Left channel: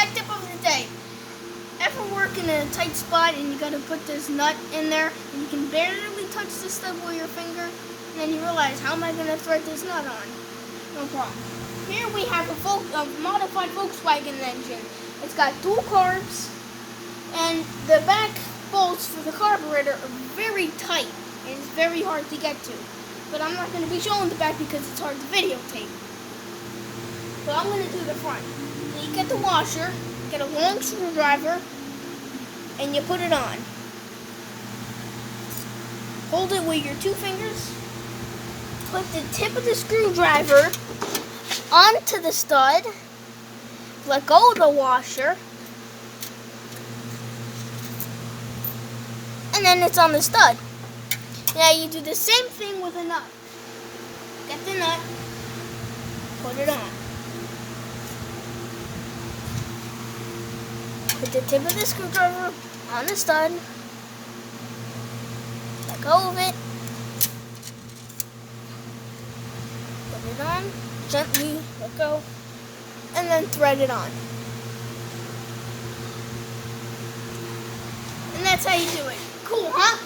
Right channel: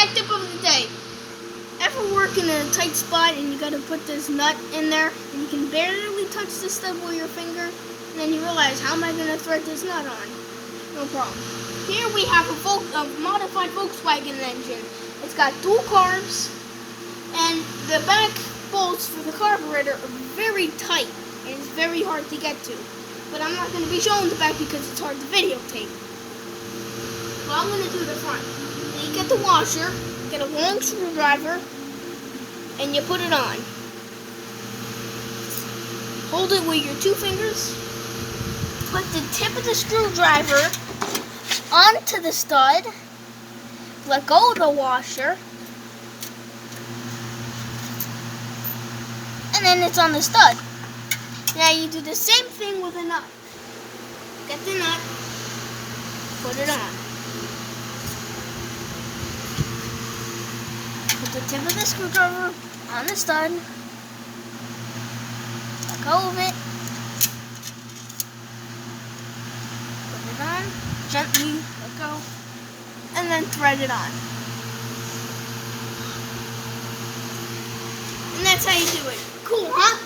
tech tip of the day. Ever work in a tight spot and you gotta put this nut in there and you can barely touch this stuff with your finger, and then you realize, how am I gonna thread this nut on? No problem. Here we have a modified Volkswagen engine. It's got dual carbs, and the back bolts for the carburetor are very tight and it's very hard to get to. But I'm not going to be showing the back because it's hard to videotape. So I'm going to do the front. So you get the washer, get a long screwdriver, and you put it on. Hold it with your two fingers. Put the tip of the screwdriver onto the stud. Let go of the washer. And then it's on the stud. Now you do the same thing with a nut. Get the nut, put it on. Put the tip of the screwdriver on the stud. Let go of it. Put it on. Gently let go. And then thread it on. And that's how you do it. Cool, huh?